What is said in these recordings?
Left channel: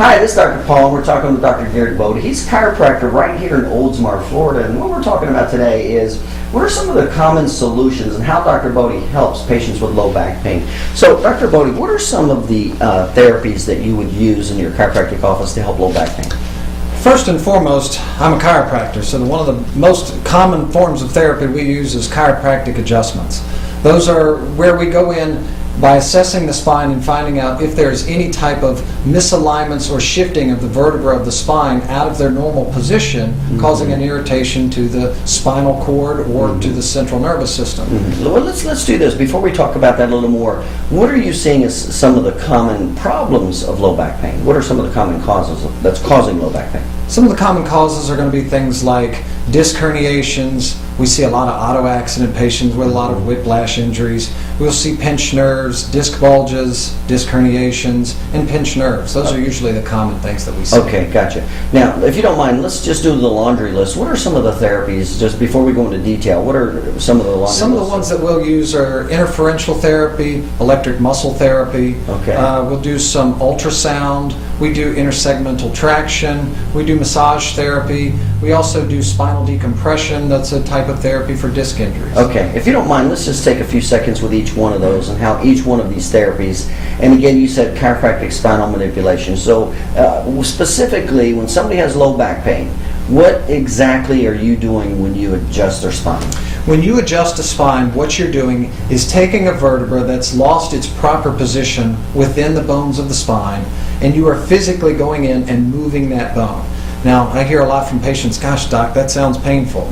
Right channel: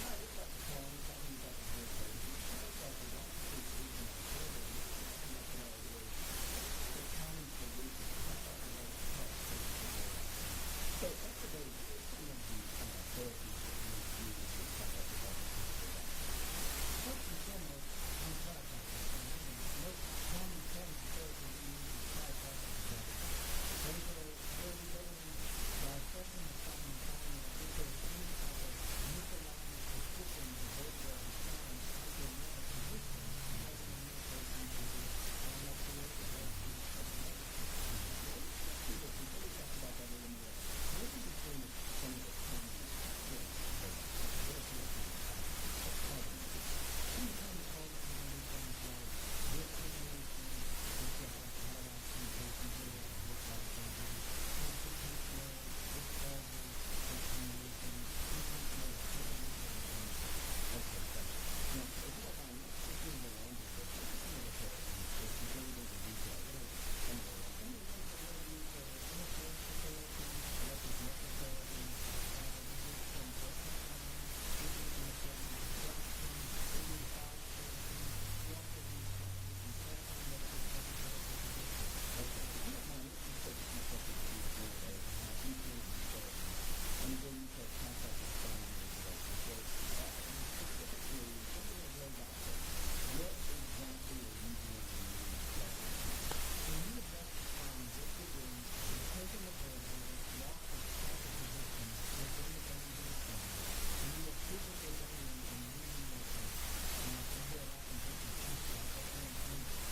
Hi, this is Dr. Paul. We're talking with Dr. Garrett Bode. He's a chiropractor right here in Oldsmar, Florida. And what we're talking about today is what are some of the common solutions and how Dr. Bode helps patients with low back pain. So, Dr. Bode, what are some of the therapies that you would use in your chiropractic office to help low back pain? First and foremost, I'm a chiropractor, so one of the most common forms of therapy we use is chiropractic adjustments. Those are where we go in by assessing the spine and finding out if there's any type of misalignments or shifting of the vertebra of the spine out of their normal position, causing an irritation to the spinal cord or to the central nervous system. Well, let's do this. Before we talk about that a little more, what are you seeing as some of the common problems of low back pain? What are some of the common causes that's causing low back pain? Some of the common causes are going to be things like disc herniations. We see a lot of auto accident patients with a lot of whiplash injuries. We'll see pinched nerves, disc bulges, disc herniations, and pinched nerves. Those are usually the common things that we see. Okay, gotcha. Now, if you don't mind, let's just do the laundry list. What are some of the therapies, just before we go into detail, what are some of the laundry Some of the lists? ones that we'll use are interferential therapy, electric muscle therapy. Okay. We'll do some ultrasound. We do intersegmental traction. We do massage therapy. We also do spinal decompression. That's a type of therapy for disc injuries. Okay, if you don't mind, let's just take a few seconds with each one of those and how each one of these therapies, and again, you said chiropractic spinal manipulation. So specifically, when somebody has low back pain, what exactly are you doing when you adjust their spine? When you adjust a spine, what you're doing is taking a vertebra that's lost its proper position within the bones of the spine, and you are physically going in and moving that bone. Now, I hear a lot from patients, gosh, doc, that sounds painful.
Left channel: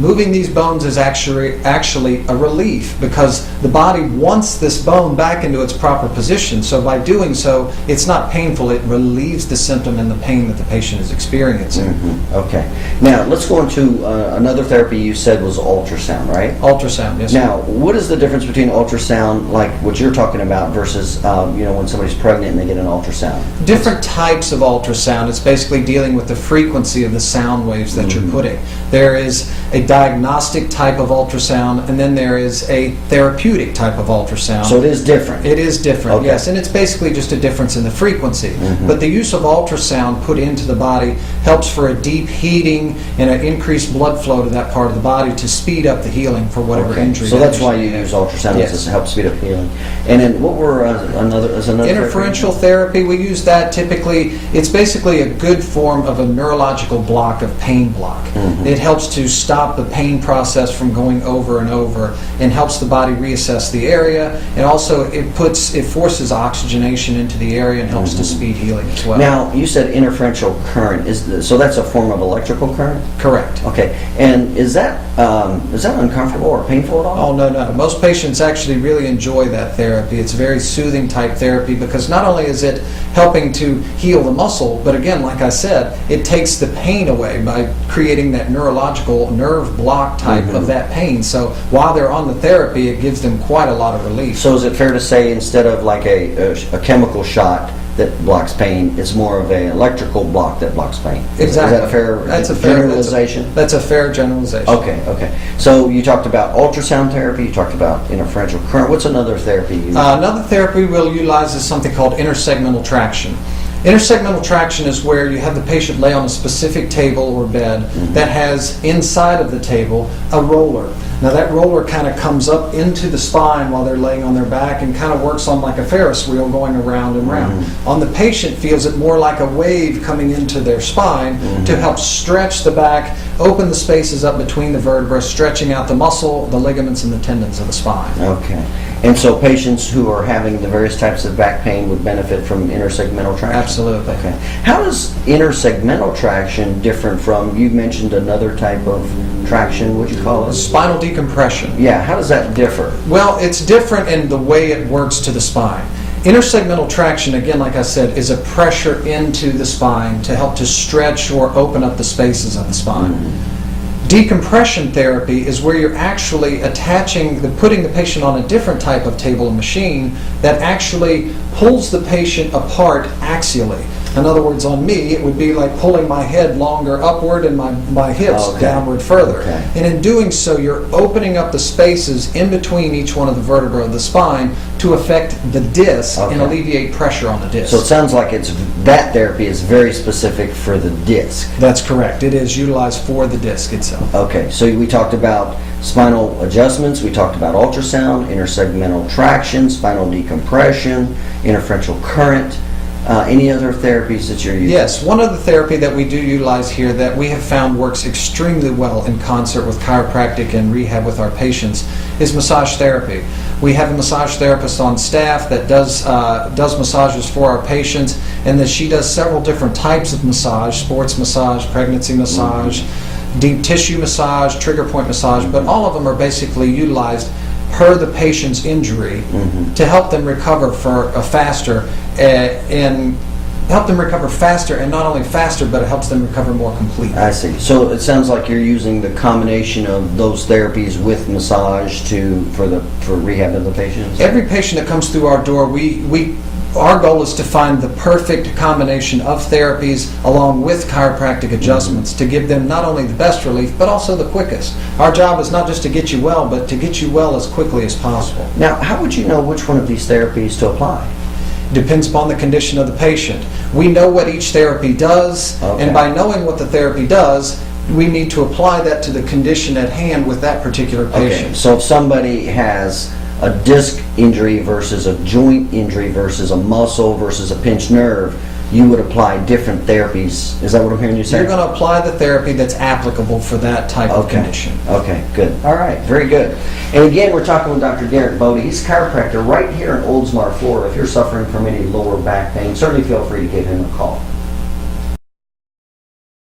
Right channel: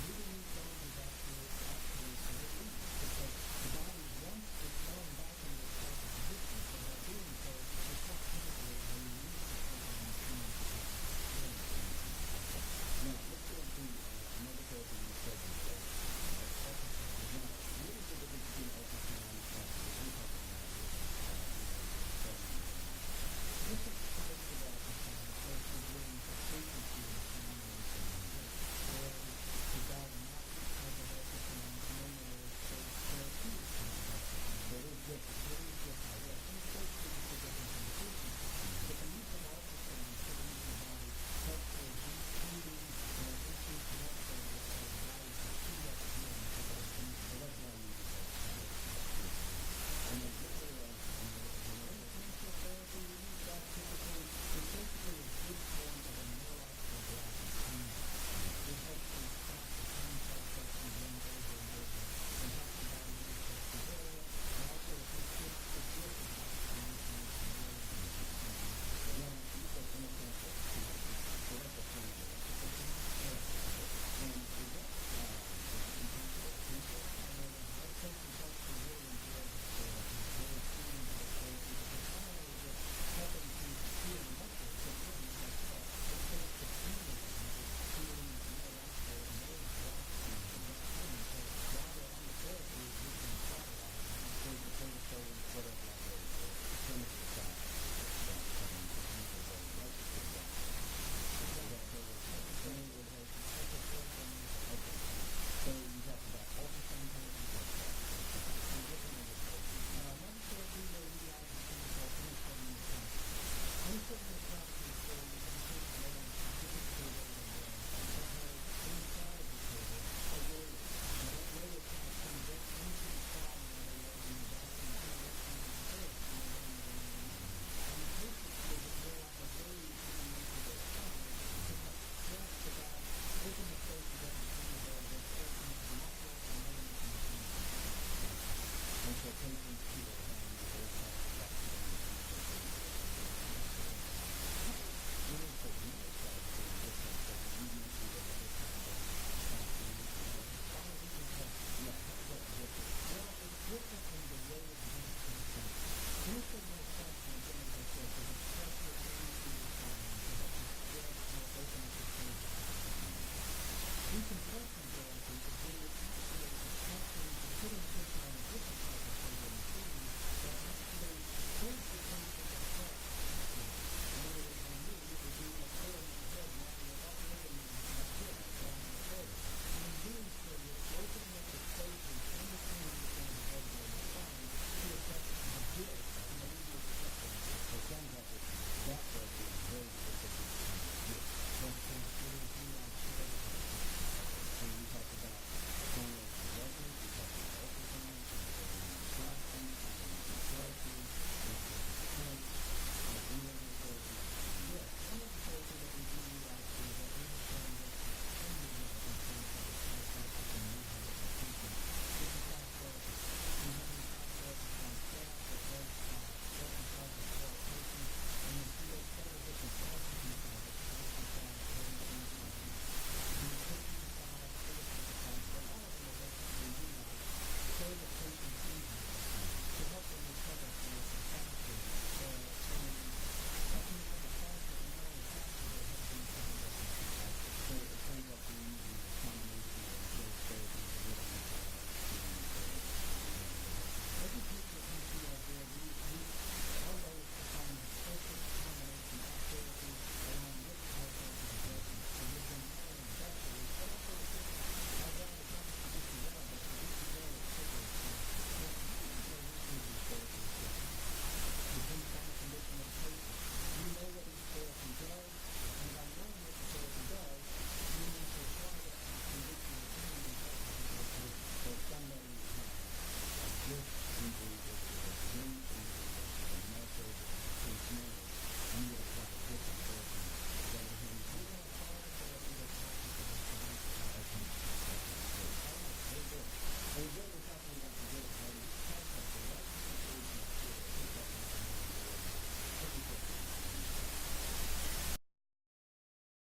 Moving these bones is actually a relief because the body wants this bone back into its proper position. So by doing so, it's not painful. It relieves the symptom and the pain that the patient is experiencing. Okay. Now, let's go into another therapy you said was ultrasound, right? Ultrasound, yes. Now, what is the difference between ultrasound, like what you're talking about, versus when somebody's pregnant and they get an ultrasound? Different types of ultrasound. It's basically dealing with the frequency of the sound waves that you're putting. There is a diagnostic type of ultrasound, and then there is a therapeutic type of ultrasound. So it is different. It is different, Okay. yes, and it's basically just a difference in the frequency. But the use of ultrasound put into the body helps for a deep heating and an increased blood flow to that part of the body to speed up the healing for whatever injury. So that's that why is. you use ultrasound, Yes. is to help speed up healing. And then what were another Interferential therapy, we use that typically. It's basically a good form of a neurological block of pain block. It helps to stop the pain process from going over and over and helps the body reassess the area, and also it forces oxygenation into the area and helps to speed healing as well. Now, you said interferential current. So that's a form of electrical current? Correct. Okay. And is that uncomfortable or painful at all? Oh, no. Most patients actually really enjoy that therapy. It's a very soothing type therapy because not only is it helping to heal the muscle, but again, like I said, it takes the pain away by creating that neurological nerve block type of that pain. So while they're on the therapy, it gives them quite a lot of relief. So is it fair to say instead of like a chemical shot that blocks pain, it's more of an electrical block that blocks pain? Exactly. Is that a fair generalization? That's a fair generalization. Okay. So you talked about ultrasound therapy, you talked about interferential current. What's another therapy you use? Another therapy we'll utilize is something called intersegmental traction. Intersegmental traction is where you have the patient lay on a specific table or bed that has inside of the table a roller. Now that roller kind of comes up into the spine while they're laying on their back and kind of works on like a Ferris wheel going around and round. On the patient feels it more like a wave coming into their spine to help stretch the back, open the spaces up between the vertebrae, stretching out the muscle, the ligaments, and the tendons of the spine. Okay. And so patients who are having the various types of back pain would benefit from intersegmental traction? Absolutely. Okay. How is intersegmental traction different from, you mentioned another type of traction, what do you call it? Spinal decompression. Yeah, how does that differ? Well, it's different in the way it works to the spine. Intersegmental traction, again, like I said, is a pressure into the spine to help to stretch or open up the spaces of the spine. Decompression therapy is where you're actually putting the patient on a different type of table and machine that actually pulls the patient apart axially. In other words, on me, it would be like pulling my head longer upward and my hips Okay. downward further. Okay. And in doing so, you're opening up the spaces in between each one of the vertebrae of the spine to affect the disc and Okay. alleviate pressure on the disc. So it sounds like that therapy is very specific for the disc. That's correct. It is utilized for the disc itself. Okay, so we talked about spinal adjustments, we talked about ultrasound, intersegmental traction, spinal decompression, interferential current. Any other therapies that you're using? Yes, one other therapy that we do utilize here that we have found works extremely well in concert with chiropractic and rehab with our patients is massage therapy. We have a massage therapist on staff that does massages for our patients, and that she does several different types of massage: sports massage, pregnancy massage, deep tissue massage, trigger point massage, but all of them are basically utilized per the patient's injury to help them recover faster and help them recover faster, and not only faster, but it helps them recover more completely. I see. So it sounds like you're using the combination of those therapies with massage for rehab of the patients? Every patient that comes through our door, our goal is to find the perfect combination of therapies along with chiropractic adjustments to give them not only the best relief, but also the quickest. Our job is not just to get you well, but to get you well as quickly as possible. Now, how would you know which one of these therapies to apply? Depends upon the condition of the patient. We know what each therapy does, Okay. and by knowing what the therapy does, we need to apply that to the condition at hand with that particular patient. Okay, so if somebody has a disc injury versus a joint injury versus a muscle versus a pinched nerve, you would apply different therapies. Is that what I'm hearing you say? You're going to apply the therapy that's applicable for that type of condition. Okay, good. All right, very good. And again, we're talking with Dr. Garrett Bode. He's a chiropractor right here in Oldsmar, Florida. If you're suffering from any lower back pain, certainly feel free to give him a call.